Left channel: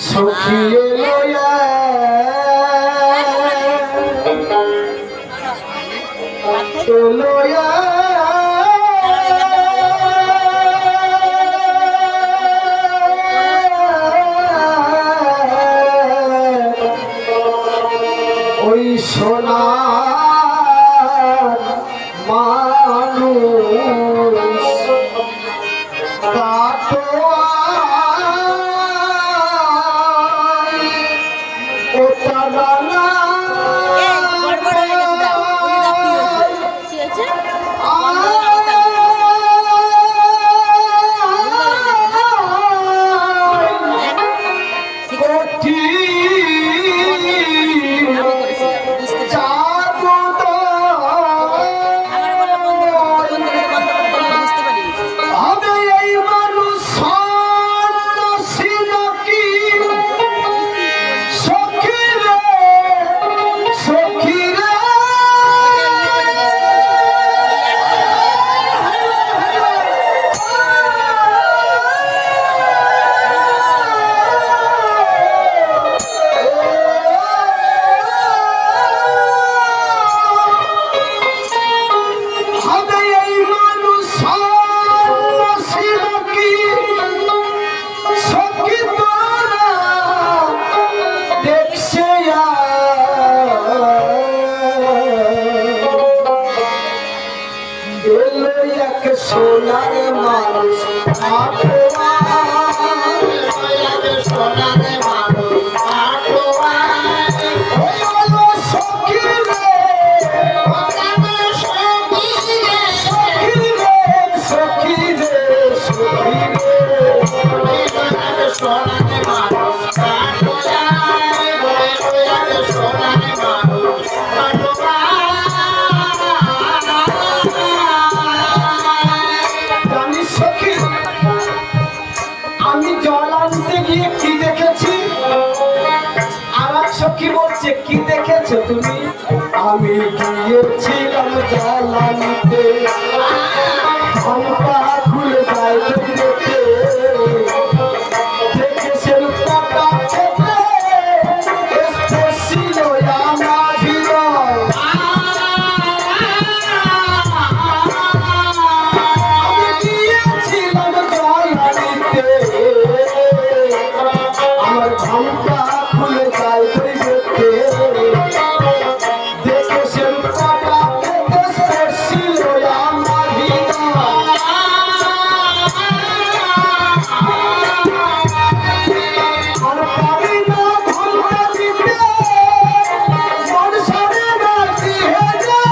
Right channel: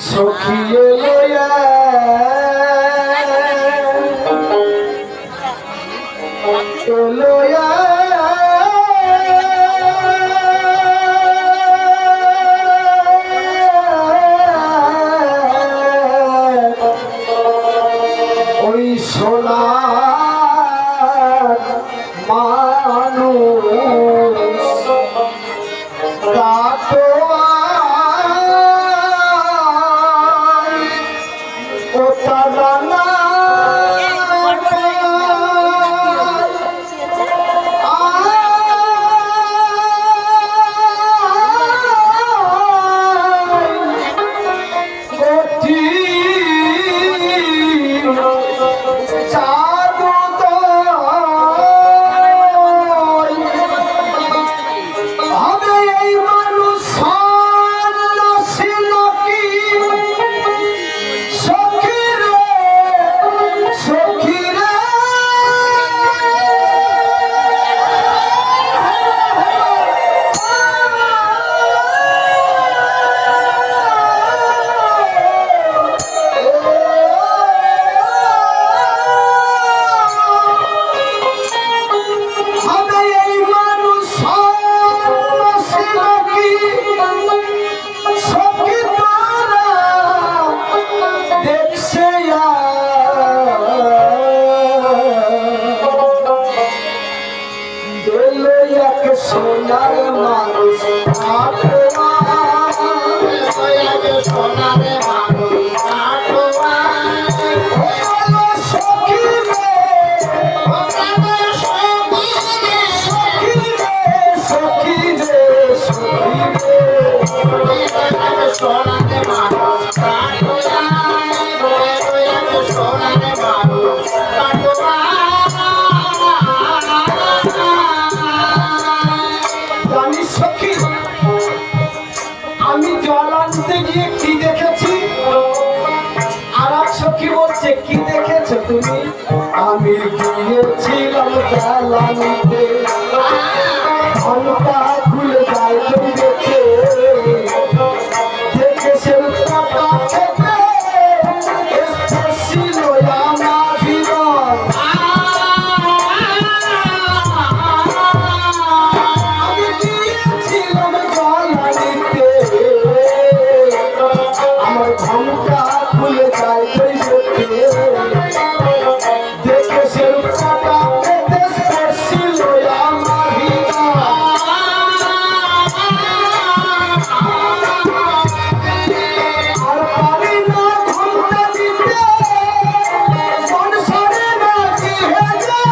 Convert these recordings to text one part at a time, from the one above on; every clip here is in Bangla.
সখী এলো এলো ওই সোনা মানুষ ও তারা সোনার মানুষ সোনার আমি জল আনতে গিয়ে কি দেখেছি আর এক সখী বলছে কি দেখেছো তুমি আমি গিয়েছিলাম জল আনতে ঘন্টা খুলে যায় দেখে সে টাকা খেতে ছিল আমার হৃদয় আমি গিয়েছিলাম জল আনতে আমার ঘন্টা খুলে যায় দেখে সে টাকা খেতে ছিল আমার হৃদয় আর পারি না ঘন্টা দিতে সংসারে রাখি হেজে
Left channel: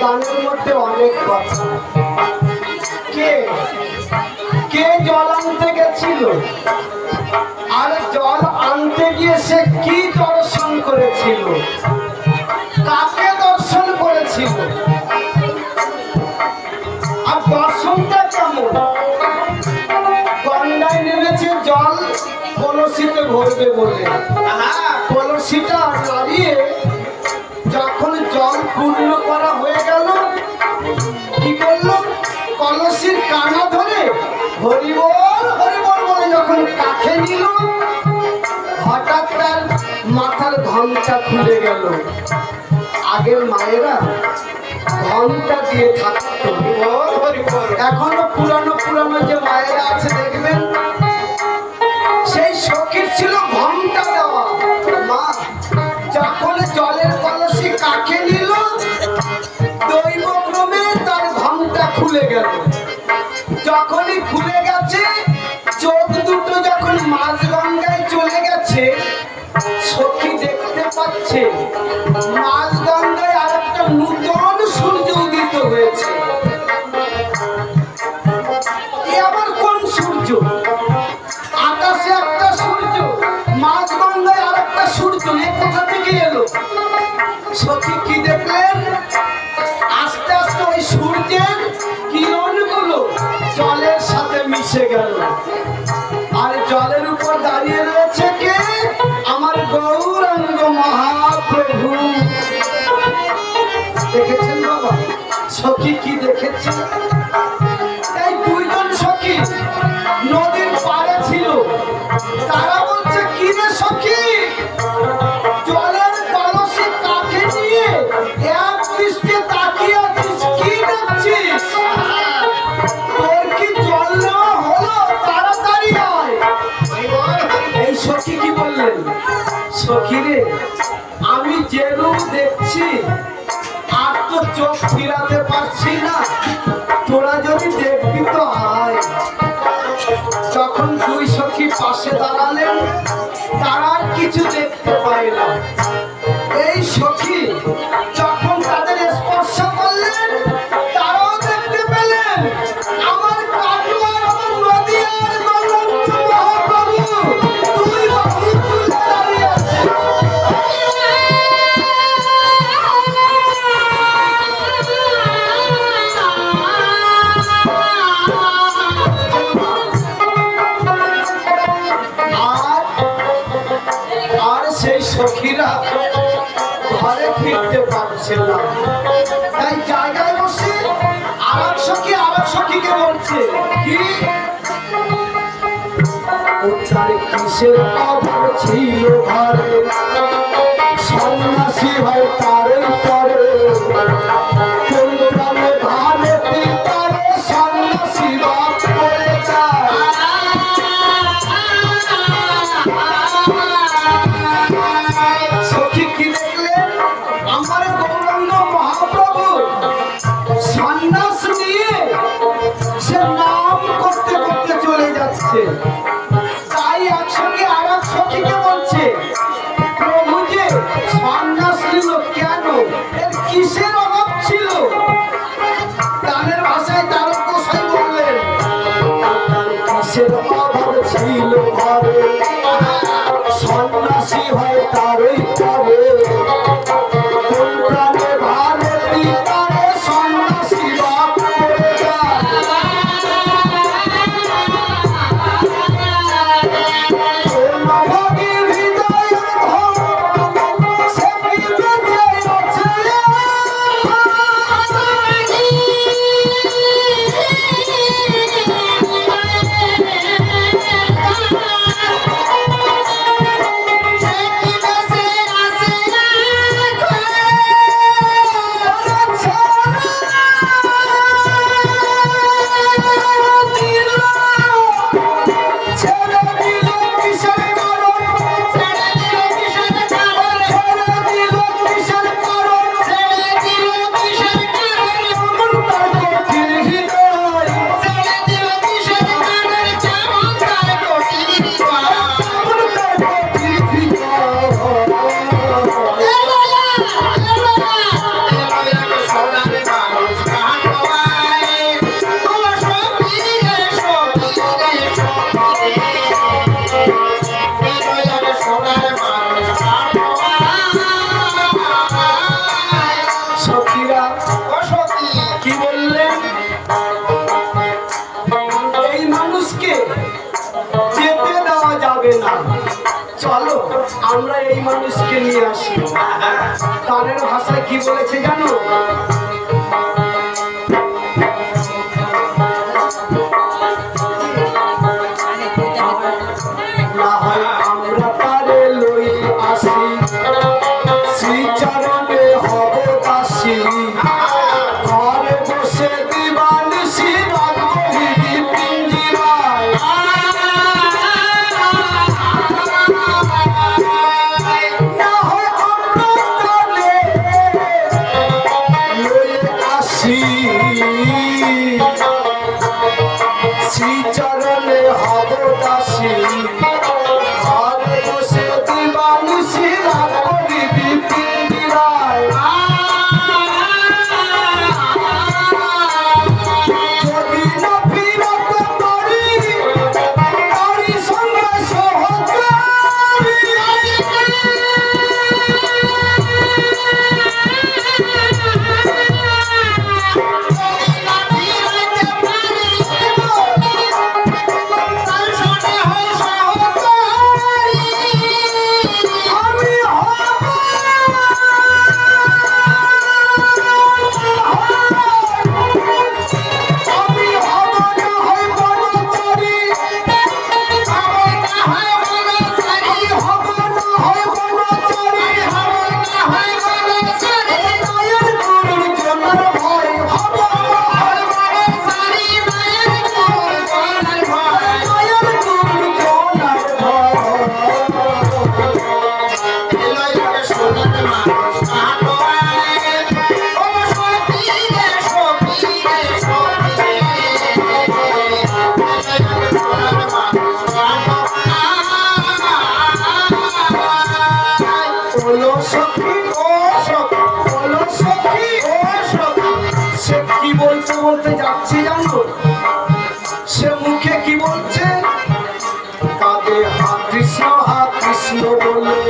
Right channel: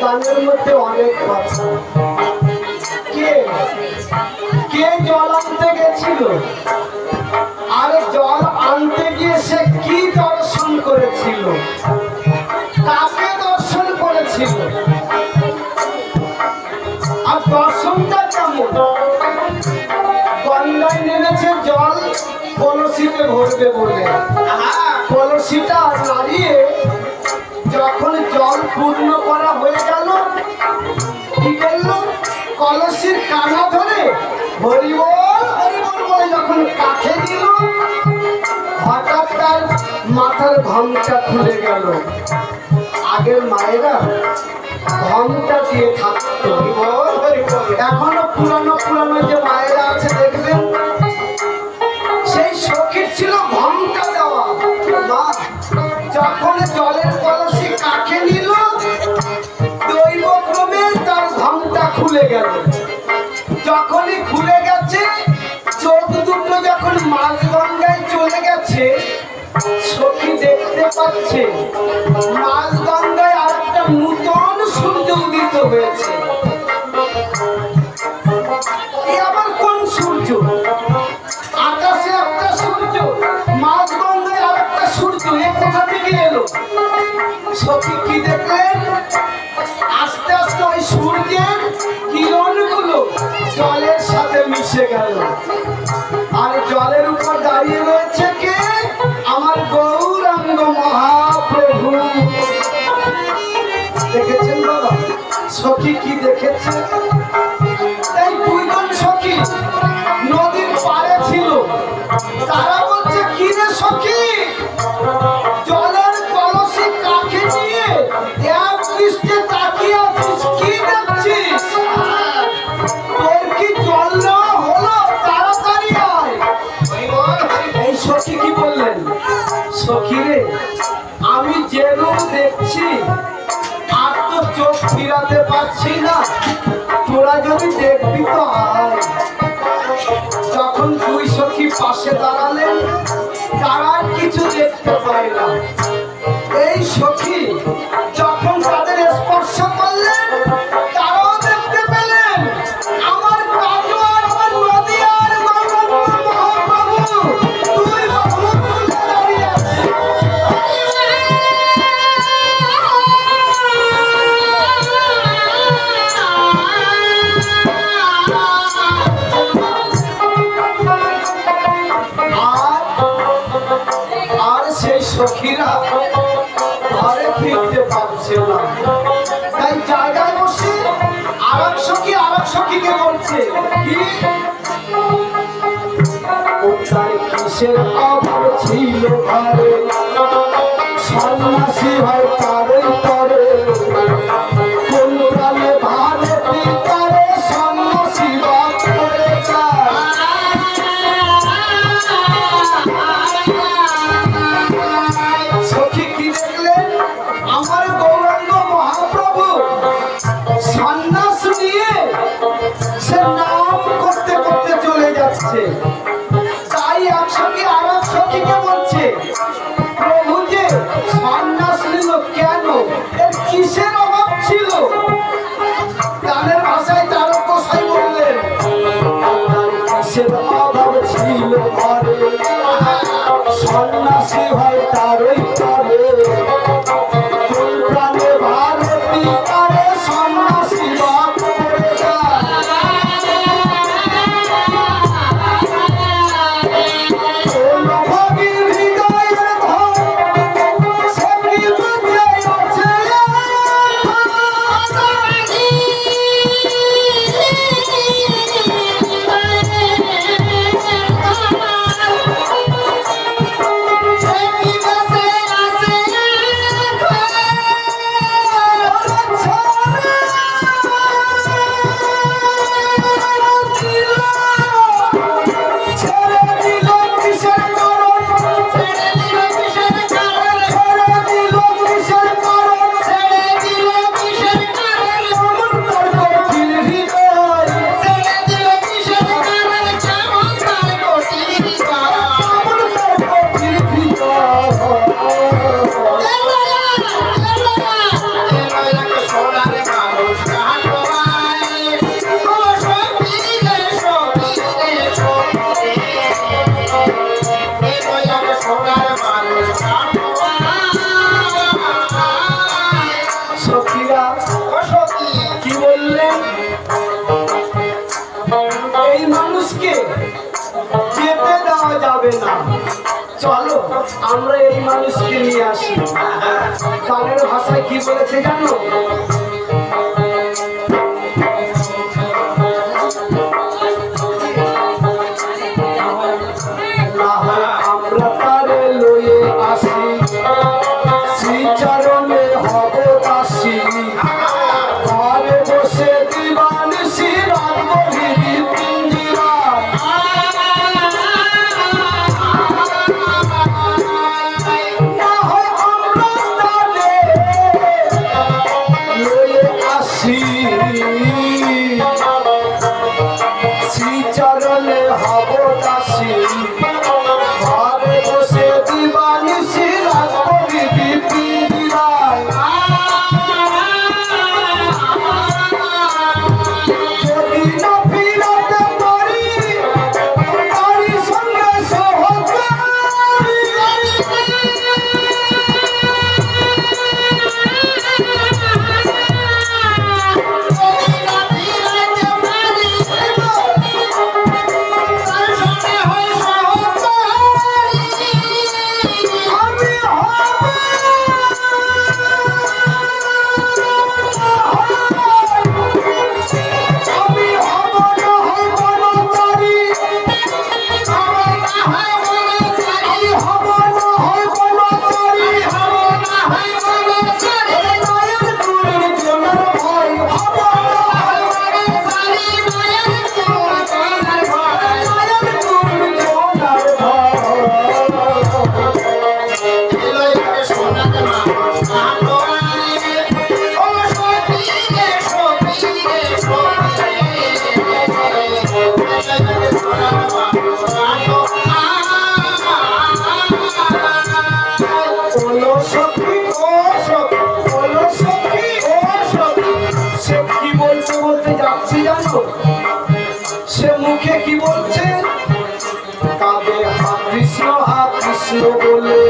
গানের মধ্যে অনেক কথা কে কে জল আনতে গেছিল আরে জল আনতে গিয়ে সে কি দর্শন করেছিল কাকে দর্শন করেছিল আর দর্শনটা কেমন কন্যায় নেমেছে জল কলসিতে ভরবে বলে কলসিটা নাড়িয়ে যখন জল পূর্ণ করা হয়ে গেল কি করলো কলসির কানা ধরে হরি বল বলে যখন কাছে নিল হঠাৎ তার মাথার ঘামটা খুলে গেল আগের মায়েরা ঘামটা দিয়ে থাকতো এখনো পুরানো পুরানো যে মায়েরা আছে দেখবেন সেই সখীর ছিল ঘামটা দেওয়া মা সখিরে আমি যেরূপ দেখছি আর তো চোখ ফিরাতে পারছি না, তোরা যদি দেখবি তো আয়। যখন দুই সখী পাশে দাঁড়ালেন তারা কিছু দেখতে পাইলাম। এই সখী যখন তাদের স্পর্শ করলেন তারাও দেখতে পেলেন আমার কাটু আর আমার নদিয়ার গৌরাঙ্গ মহাপ্রভু দুই বাহু তুলে দাঁড়িয়ে আছে। আর সেই সখীরা ঘরে ফিরতে পারছে না, তাই জায়গায় বসে আরেক সখীকে বলছে কি উত্তরে কিসের অভাব ছিল ঘরে, সন্ন্যাসী হয় তারই করে, কোন গ্রামে ভারে পিতারে সন্ন্যাসী বাপ করে যায়। সখী কি দেখলেন আমার গৌরাঙ্গ মহাপ্রভু সন্ন্যাস নিয়ে সে নাম করতে করতে চলে যাচ্ছে। তাই একসঙ্গে আর এক সখীকে বলছে প্রভু যে সন্ন্যাস নিল কেন, এর কিসের অভাব ছিল? গানের ভাষায় তারক গোসাই বললেন কিসের অভাব ছিল ঘরে, সন্ন্যাসী হয় তারই করে, কোন প্রাণে ভারতী তারে সন্ন্যাসী বাপ করে যায়। ভগীর হৃদয়ের ধন সে কি বুঝে আছে, ছেড়ে দিল কিসের কারণ, ছেড়ে দিল কিসের কারণ, ছেড়ে দিল কিসের কারণ, ছেড়ে দিল কিসের কারণ, এমন তার কঠিন হৃদয়, ছেড়ে দিল কিসের কারণ, যেমন তার কঠিন হৃদয়, এমন তার কঠিন হৃদয়। সোনার মানুষ কাটোয়ায় ও সখী রে সখী রে সখী রে, সোনার মানুষ কাটোয়ায়। সখীরা ও সখী কি বললেন এই মানুষকে যেতে দেওয়া যাবে না, চলো আমরা এই মানুষকে নিয়ে আসি। গানের ভাষায় কি বলেছে জানো, না হয় আমরা তারে লয়ে আসি, শ্রীচরণে হব দাসী, ঘরে বসে দিবানিশি রাখবো হৃদি পিঞ্জিরায়। না হয় আমরা তারে বলো সখী ও সখী, বলো সখী ও সখী। সে কি বলতে বলতে যাচ্ছে জানো? সে মুখে কি বলছে? কাঁদে হা কৃষ্ণ বলে,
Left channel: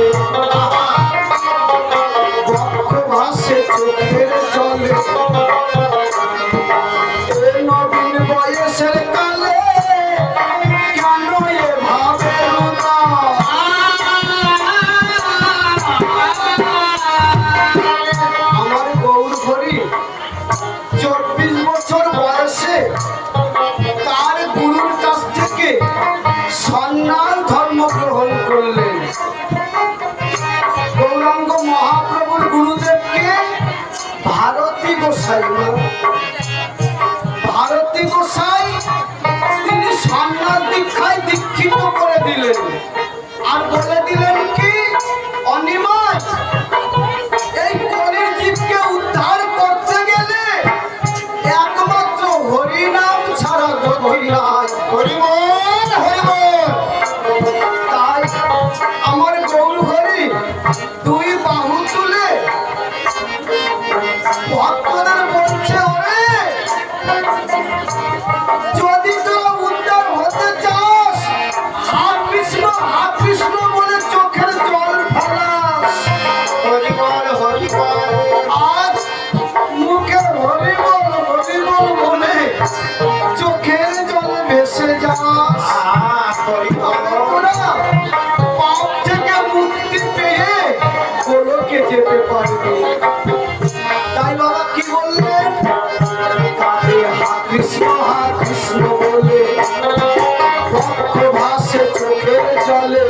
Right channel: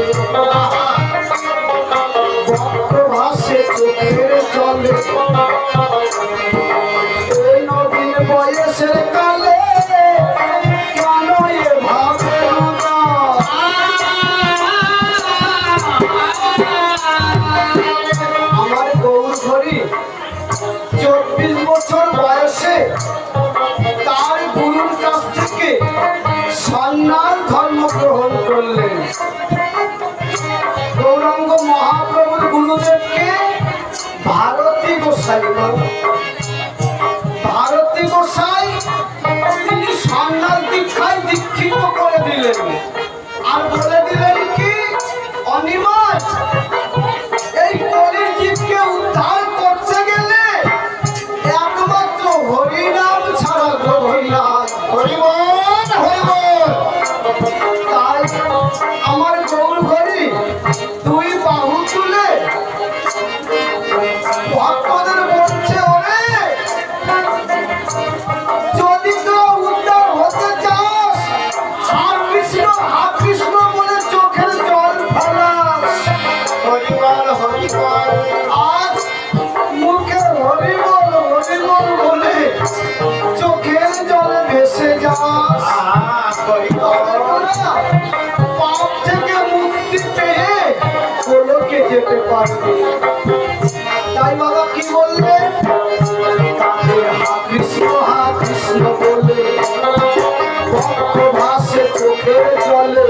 বক্ষ ভাসে চোখের জলে। এই নবীন বয়সের কালে কেন এ ভাবে না? আমার গৌর হরি 24 বছর বয়সে তার গুরুর কাছ থেকে সন্ন্যাস ধর্ম গ্রহণ করলেন। গৌরাঙ্গ মহাপ্রভুর গুরুদেবকে ভারতী গোসাই, ভারতী গোসাই তিনি সন্ন্যাস দীক্ষায় দীক্ষিত করে দিলেন। আর বলে দিলেন কি, অনিমাজ এই কলির জীবকে উদ্ধার করতে গেলে একমাত্র হরিনাম ছাড়া গতি নাই। হরিবল হরিবল। তাই আমার গৌর হরি দুই বাহু তুলে ভক্তদের বলছে, ওরে যদি তো উদ্ধার হতে চাস, হা কৃষ্ণ বলে চোখের জল ফেলাস। হরিবল হরিবল। আজ মুখে হরিবল বলে চোখের জলে ভেসে যাস। পাপ থেকে মুক্তি পেয়ে গোলকে যেতে পারবে। তাই বাবা কি বললেন? কাঁদে হা কৃষ্ণ বলে, বক্ষ ভাসে চোখের জলে।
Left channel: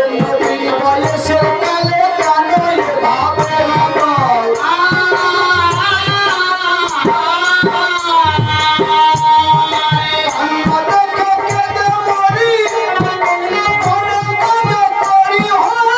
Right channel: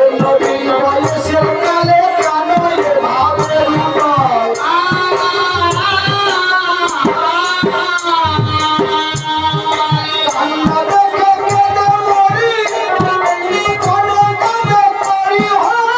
এই নদীর বয়সের কালে কেন এ ভাবে না? কান্না দেখে কেঁদে মরি, কোনো কাঁদে করি হরি।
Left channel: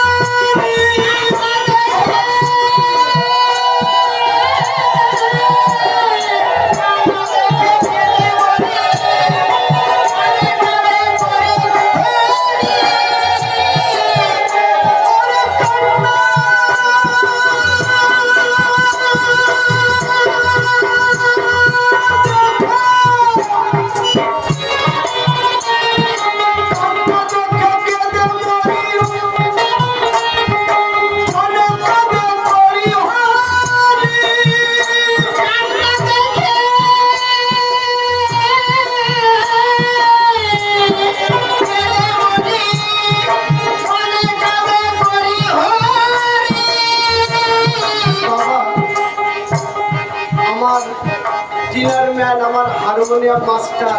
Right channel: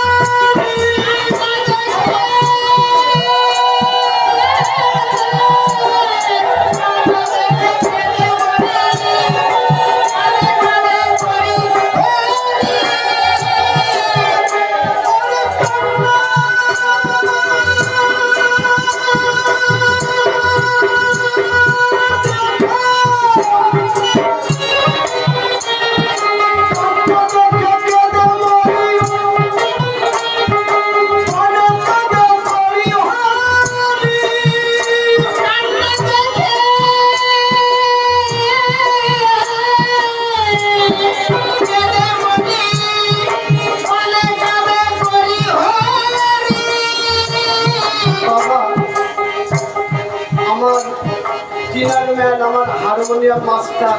চেয়ারম্যান, আমার হারমোনিয়াম মাস্টার,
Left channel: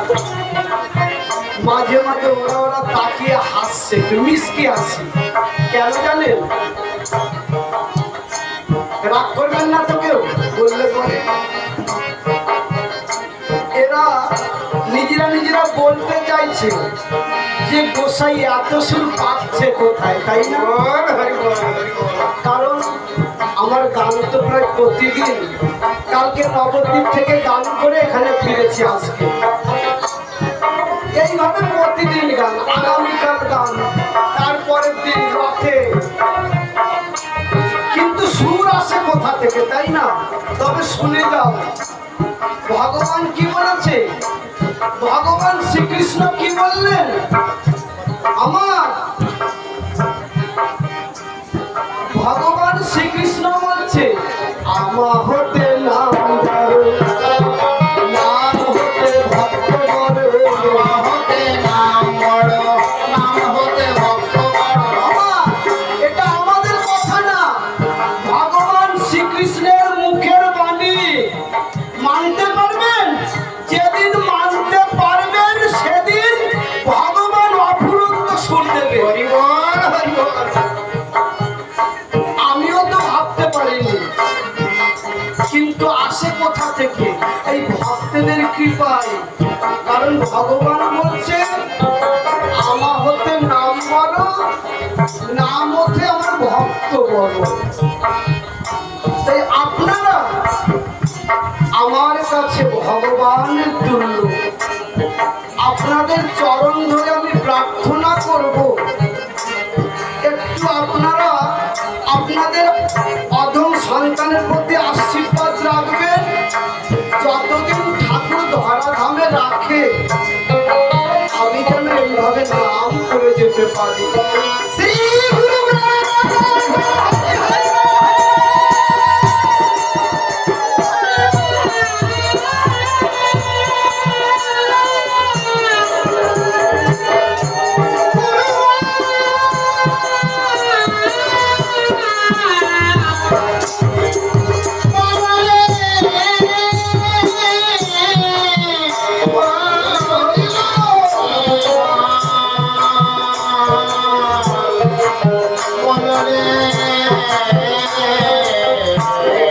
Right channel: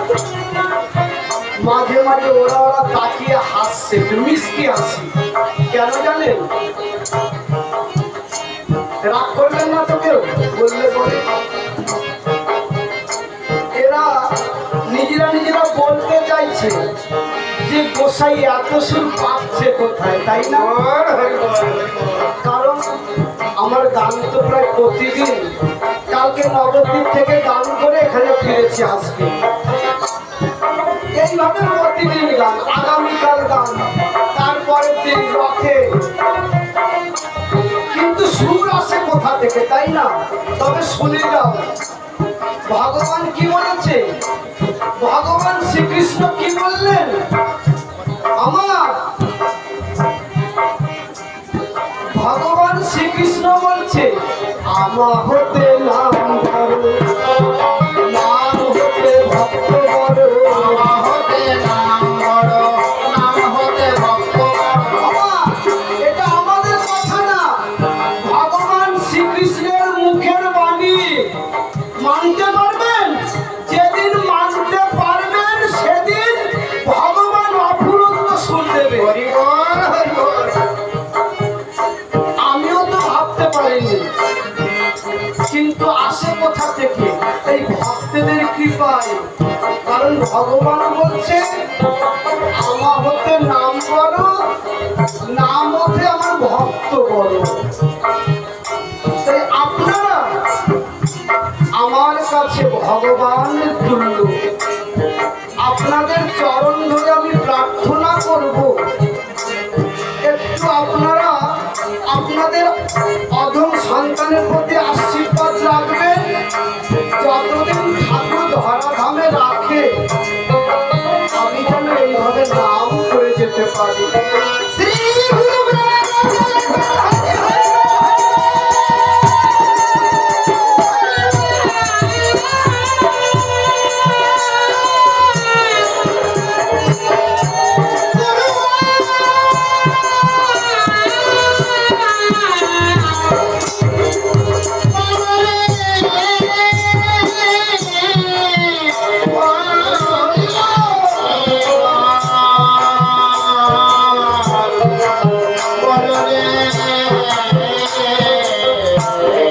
মাঝে মাঝে ওরা তাকিয়ে হাসছে, মিষ্টি হাসি। কেন জানেন? রাগ করবেন না তো কেউ বললে পরে। এরা নিজেরা বলতে চাইছে যে গোসাই এত সুর পাচ্ছে কোথায়, তাই না? কারণ আমার গান তো প্রায় প্রতিদিন, কালকে নবদ্বীপ থেকে গান করে এখানে ফিরেছি আজকে। এইভাবে প্রতিদিন গান, আগামীকাল গান, তারপরের দিন রথে। কিন্তু সুর আসে কোথা থেকে, তাই না? তবে শুনে যাও ভগবান কি বলেছে। ভগবান শ্রীকৃষ্ণ কি বললেন? আমার ভগবান শ্রীকৃষ্ণ বলছে, আমা হতে নাম ধরো, নাম হতে ভক্ত বড়, হতে নাম বড়, নাম হতে ভক্ত বড়। এটা আমাদের কথা না, ভগবান শ্রীকৃষ্ণের মুখের বাণী। মানতে পারবেন? যেদিন মানতে পারবেন সেদিন ভগবান অফুরন্ত সুর দেবে। আমিও তো ভাবতে পারিনি, কিন্তু আসে কোথা থেকে? এই ভক্তদের কৃপায়। কারণ ভগবান বলছে, আমা হতে নাম বড়, নাম হতে আমার ভক্ত বড়। তাই আপনারা আমার কাছে ভগবানের তুল্য। আপনাদের চরণ ধরে আমি প্রার্থনা করব, একটু আপনারা করতে পারি। শ্রী গুরু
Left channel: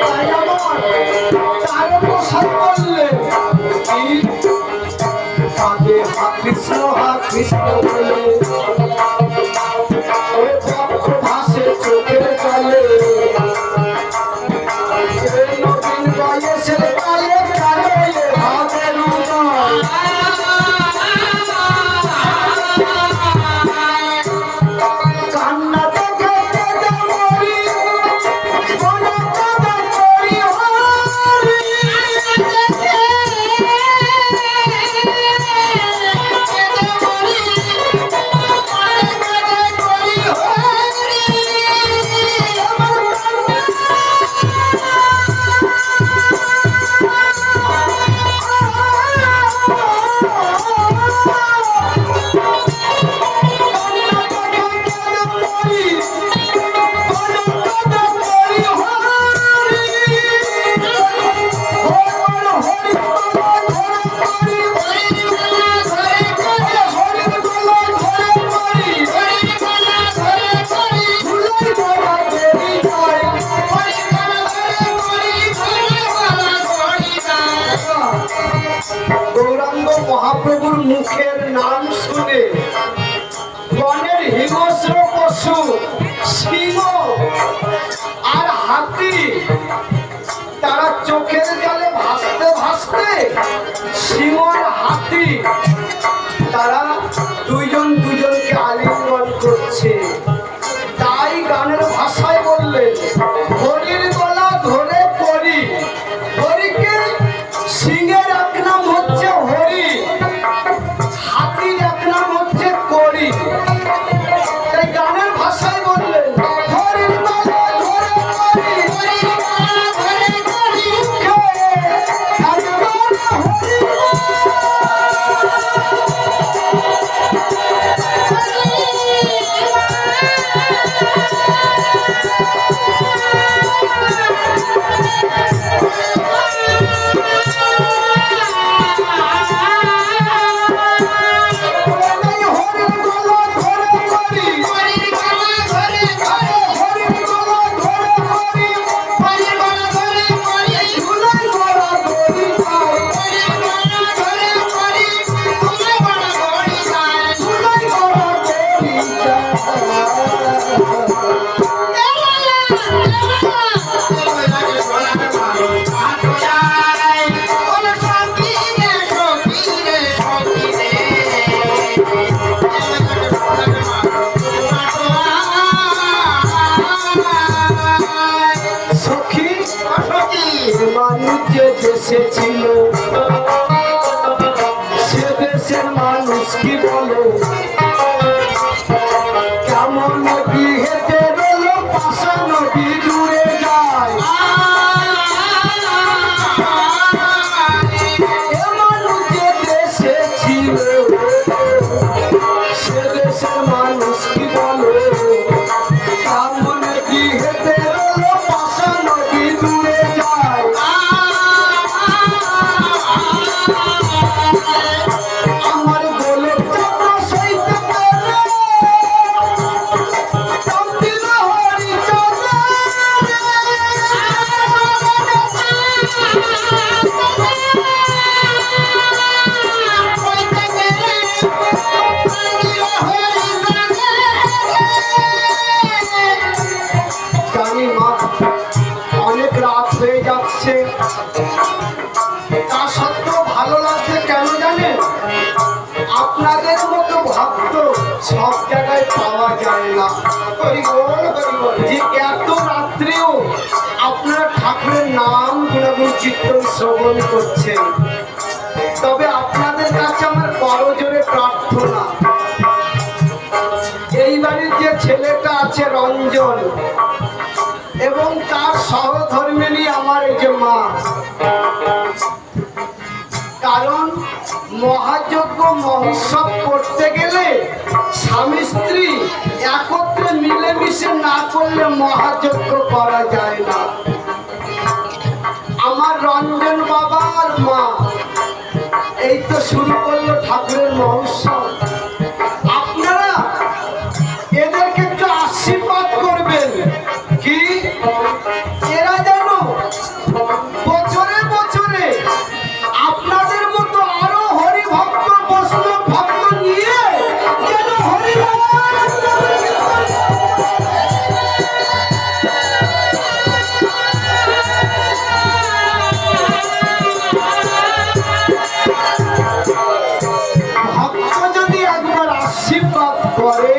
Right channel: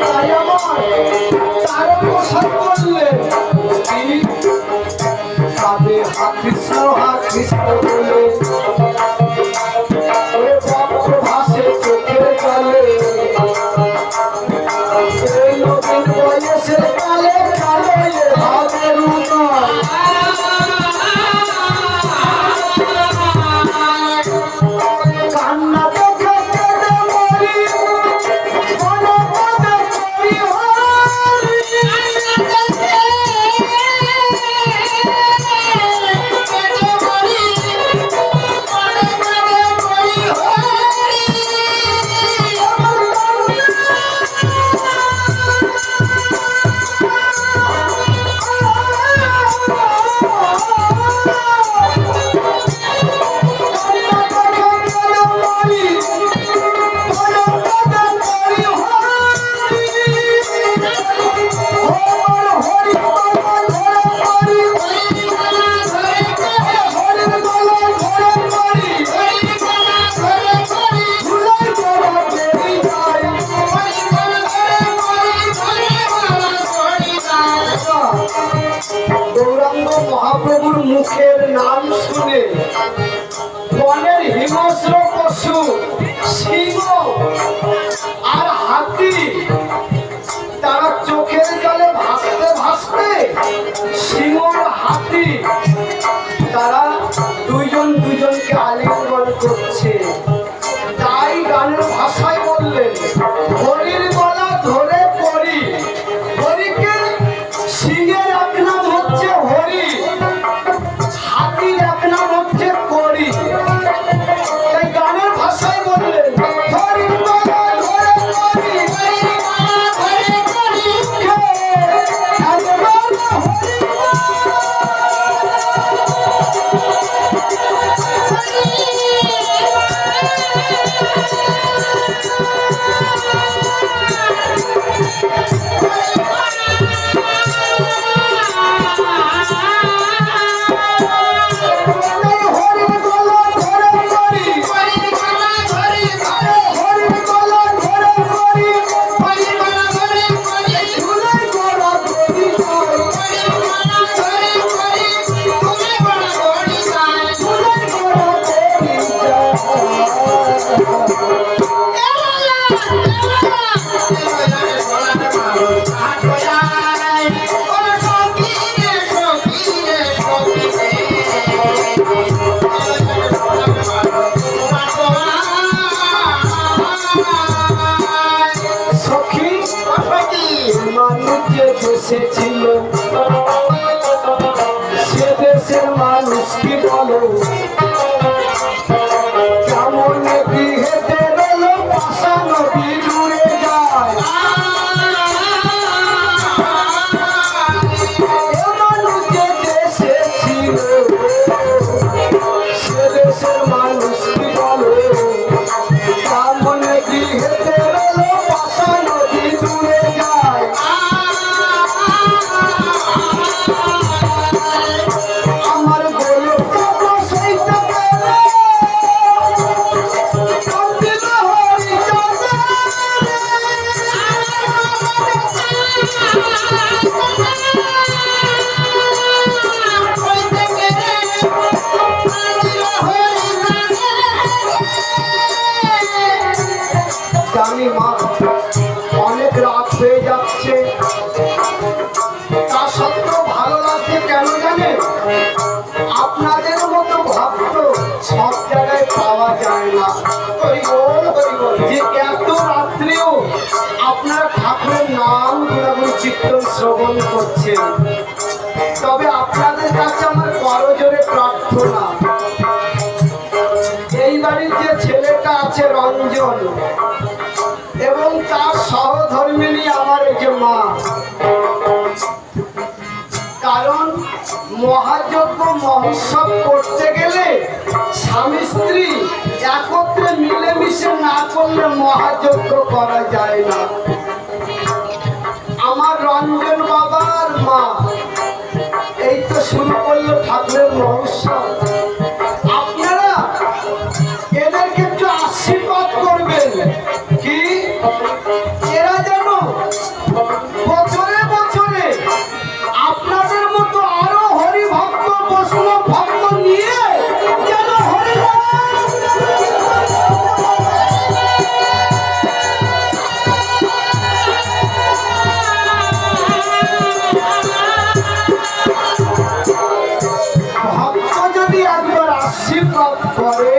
তাই আমার তারক গোসাই বললেন, "এই কাঁধে হা কৃষ্ণ বলে ওরে ভক্ত ভাসে চোখের জলে, এই নবীন বয়সের কালে কালে ভাবের উদয়, কান্না দেখে কেঁদে মরি, মনে কেঁদে মরি হরি। গৌরাঙ্গ মহাপ্রভুর মুখের নাম শুনে বনের হিংস্র পশু সিংহ আর হাতি তারা চোখের জলে ভাসতে ভাসতে, সিংহ আর হাতি তারা দুইজন দুজনকে আলিঙ্গন করছে। তাই গানের ভাষায় বললেন, হরির গলা ধরে পড়ি, হরিকে সিংহের এক নাম হচ্ছে হরি, হাতির এক নাম হচ্ছে করি। তাই গানের ভাষায় বললেন, হরির গলা ধরে পড়ি, কে একবার হরি এই হরির গলা ধরে পড়ি, হরির গলা ধরে পড়ি, এই ধুলাই গলা ধরি যায়, ধুলাই গলা ধরি যায়। সখী মানুষ যে দেশে ছিল, সে দেশের মানুষ কি বলো, কেমন নদী হেঁটে গেল পাশা নদী দূরে যায়। এ মানুষ যে দেশে ছিল, সে দেশের মানুষ কি বলো, কেমন নদী হেঁটে গেল পাশা নদী দূরে যায়। আমার বলো কেন সইতে পারে, কান্দি না হরি চলে। জানি মা অনেক রাত হয়ে যাচ্ছে, তা সত্ত্বেও ভালো লাগছে কেন জানেন, আপনাদের মতো ভক্ত সব জায়গায় পাওয়া যায় না। হরি বল, যে এত রাত্রেও আপনারা ঠাকুরের নাম গুণাগুণ চিত্তন শ্রবণ করছেন। তবে আপনাদের কাছে আমার করজোরে প্রার্থনা, ছেলেটা আছে রঞ্জন এবং তার সহধর্মিণী আমার এই যে মা। কারণ মহাযজ্ঞ মহোৎসব করতে গেলে স্বামী স্ত্রী একত্রে মিলেমিশে না করলে মহাযজ্ঞ করা যায় না। আমার রঞ্জন বাবার মা এই তো শুরু করলো ঠাকুরের মহোৎসব। আপনারা এদেরকে একটু আশীর্বাদ করবেন কি এরা যেন বছরে বছরে আপনাদের মতো আরো হরি ভক্ত বৈষ্ণব ভক্ত নিয়ে যেন ভক্ত যদি একবার আশীর্বাদ করে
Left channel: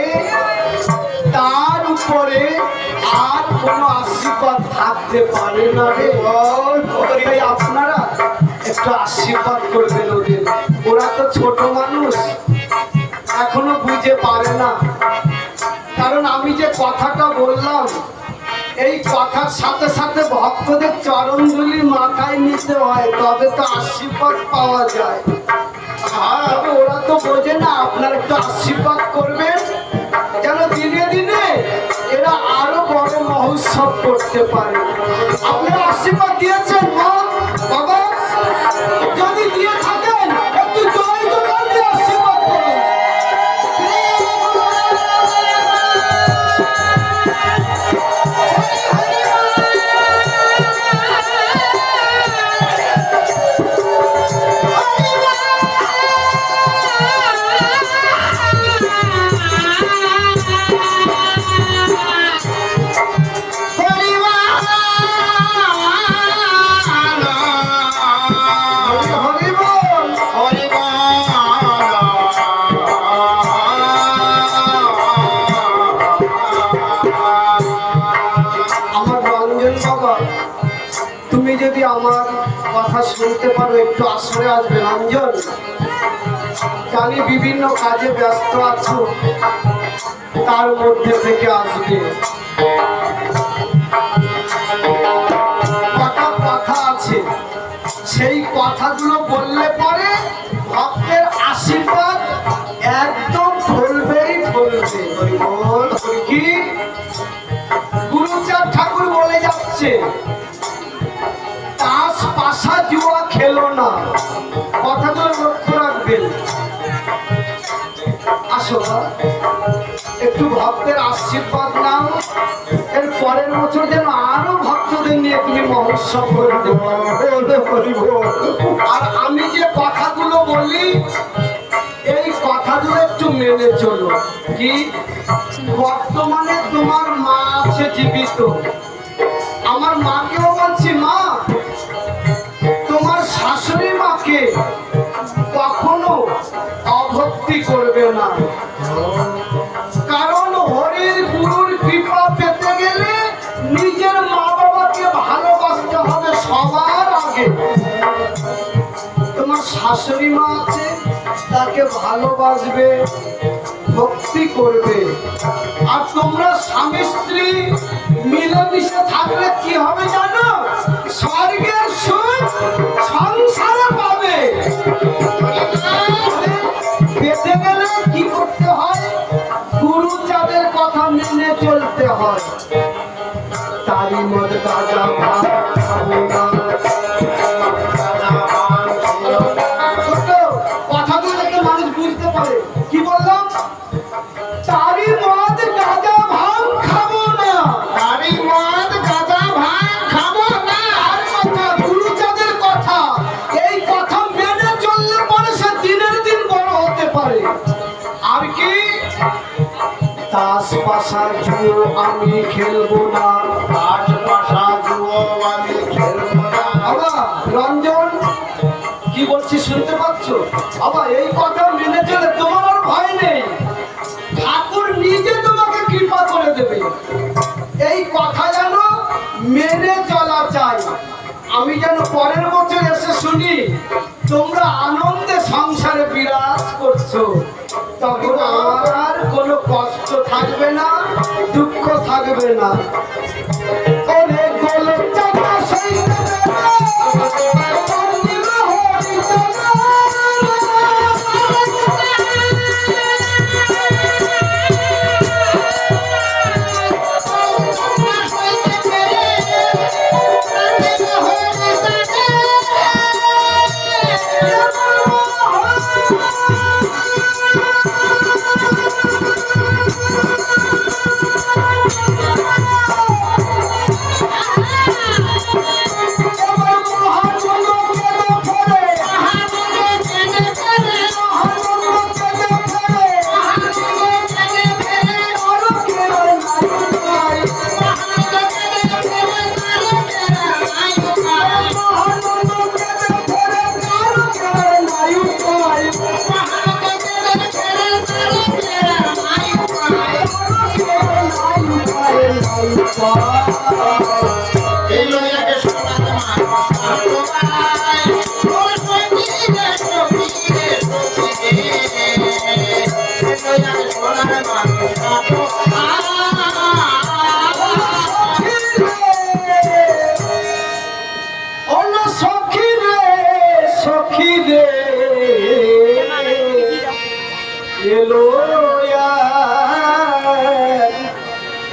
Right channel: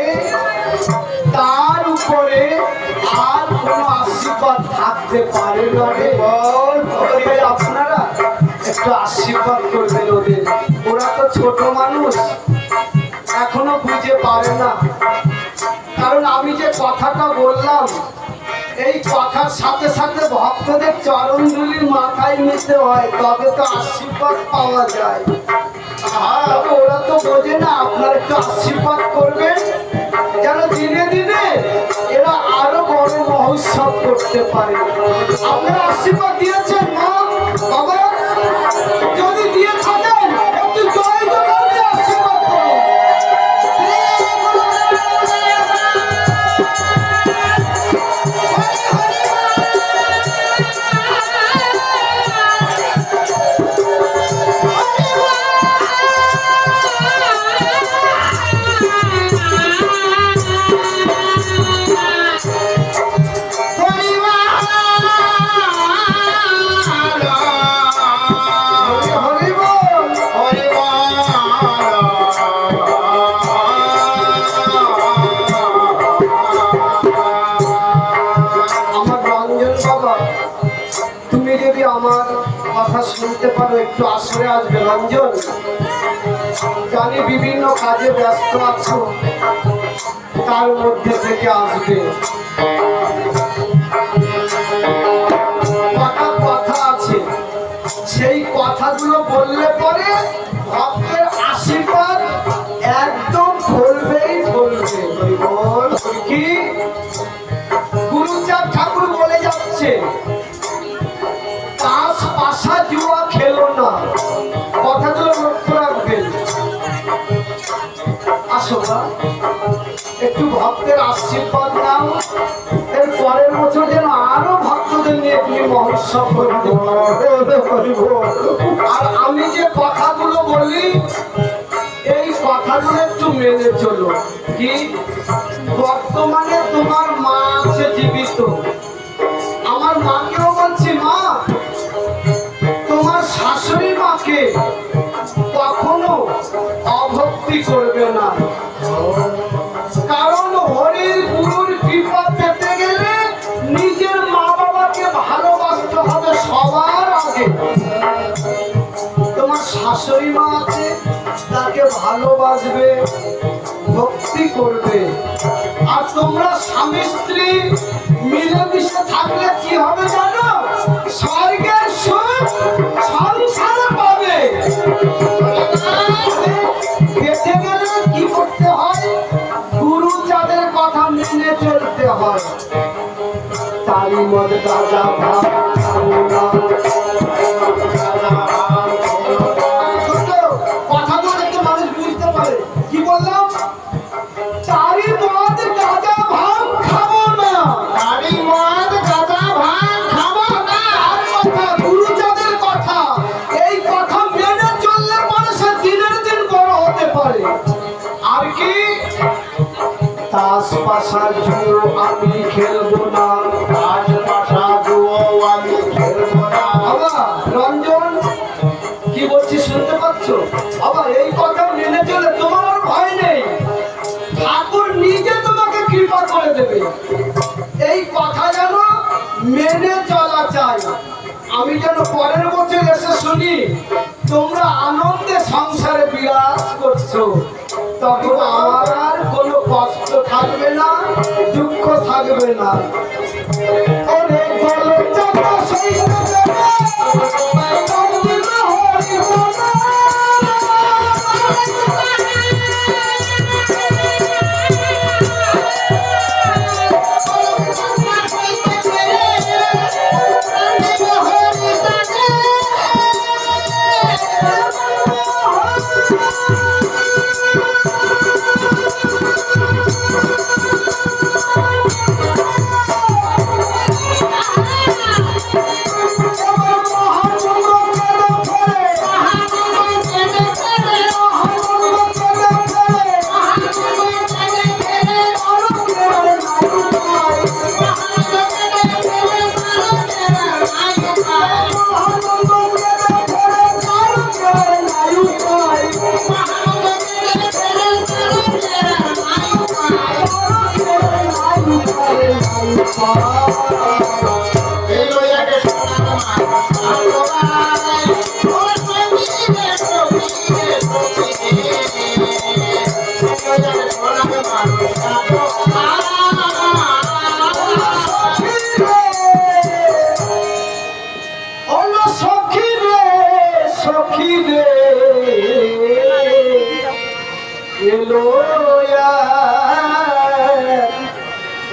তার উপরে আর কোনো আশীর্বাদ থাকতে পারে না রে। তাই আপনারা একটু আশীর্বাদ করবেন ওদের। ওরা তো ছোট মানুষ, এখনো বুঝে পারে না। কারণ আমি যে কথাটা বললাম এই কথার সাথে সাথে ভক্তদের চরণধুলি মাথায় নিতে হয়, তবে তো আশীর্বাদ পাওয়া যায়। তবে ওরা তো বোঝে না। আপনারা একটু আশীর্বাদ করবেন যেন দিনে দিনে এরা আরো বড় মহোৎসব করতে পারে। আপনারা আশীর্বাদ দিয়েছেন মা বাবা, যদি দিয়ে থাকেন একটু জয় জয় দিয়ে আশীর্বাদ করুন। হরি বল। আমার রঞ্জন বাবা, তুমি যদি আমার কথা শুনতে পারো একটু আসরে আসবে রঞ্জন। জানি বিভিন্ন কাজে ব্যস্ত আছো, তার মধ্যে থেকে আসবে। কত কথা আছে, সেই কথাগুলো বললে পরে ভক্তের আশীর্বাদ একদম ফলবেই ফলবে। কি গুরুচাঁদ ঠাকুর বলে যাচ্ছে, তাস পাশা জুয়া খেলো না। কথাগুলো লক্ষ্য রাখবেন। আসো না, একটু ভক্তের আশীর্বাদ নাও। এর পরের বছর যেন আরো ভক্তদের নিয়ে তুমি মহোৎসব করতে পারো। আর আমি যে কথাগুলো বলি এই কথাগুলো একটু মেনে চলো। কি বর্তমানে তোমার মা আছে জীবিত, আমার মাকেও বলছি মা তোমার শাশুড়ি মাকে কখনো অভক্তি করবে না। কারণ হরির গুরুর কৃপা পেতে গেলে নিজের মা বাবাকে ভালোবাসতে হবে সবার আগে। তোমার শাশুড়ি মা আছে, তাকে ভালোবাসবে, ভক্তি করবে। আর তোমরা স্বামী স্ত্রী মিলেমিশে থাকলে কি হবে জানো? স্বর্গের সুখ সংসারে পাবে। পেতে গেলে কি করতে হয়? গুরু যাদের কথা মেনে চলতে হয়। তারি মদ গাঁজা ভাত খাবো না। কথাগুলো যাতে মানুষ বুঝতে পারে। কি বললাম? তারি মদ গাঁজা ভাত খাবো না। তারি মদ গাঁজা ভাত খাবো না। আর কথা গুরু যাদের কথা, এই কথা মেনে চললে পরে সে দিনের দিন বড় হতে পারে। আর কি তাস পাশা জুয়ো আমি খেলবো না। তাস পাশা জুয়ো আমি খেলবো না। বাবা রঞ্জন কি বলছি শুনতে পাচ্ছ? বাবা এই কথা মেনে চলে তোমার ভয় নেই, ঠাকুর নিজে তোমাকে কৃপা করে দেবে। এই কথা যেন মেনে চলা চাই। আমি যেন পরের বছর এসে শুনি তোমরা আনন্দে সংসারে বিরাজ করছো, তখন আমার আর কোনো কষ্ট থাকবে না। দুঃখ থাকবে না। ওরে গলে চাকা সইতে দেবে, চন্দ্র হরি বাবা।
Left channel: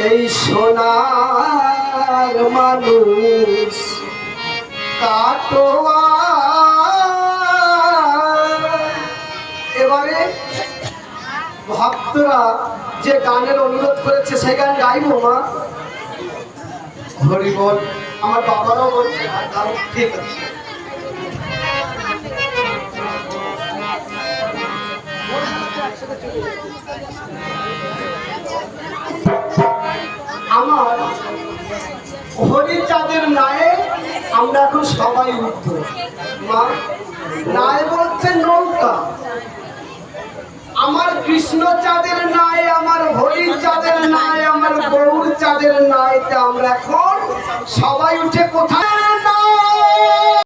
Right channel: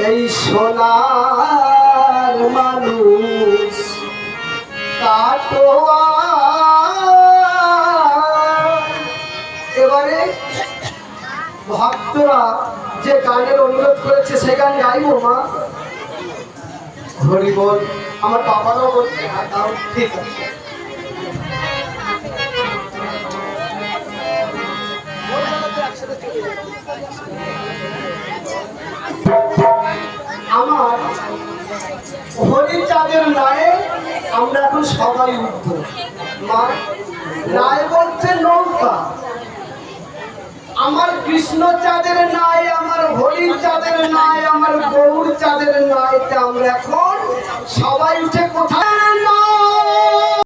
এই সোনার মানুষ কাটোয়া। এবারে ভক্তরা যে গানের অনুরোধ করেছে সেই গান গাইবো মা। হরি বল। আমার বাবারও বলছে ঠিক আছে। আমার হরিচাঁদের নায়ে আমরা এখন সবাই উঠবো মা। নায় বলছে নৌকা। আমার কৃষ্ণ চাঁদের নাই, আমার হরি চাঁদের নাই, আমার গৌর চাঁদের নাই। আমরা এখন সবাই উঠে কোথায়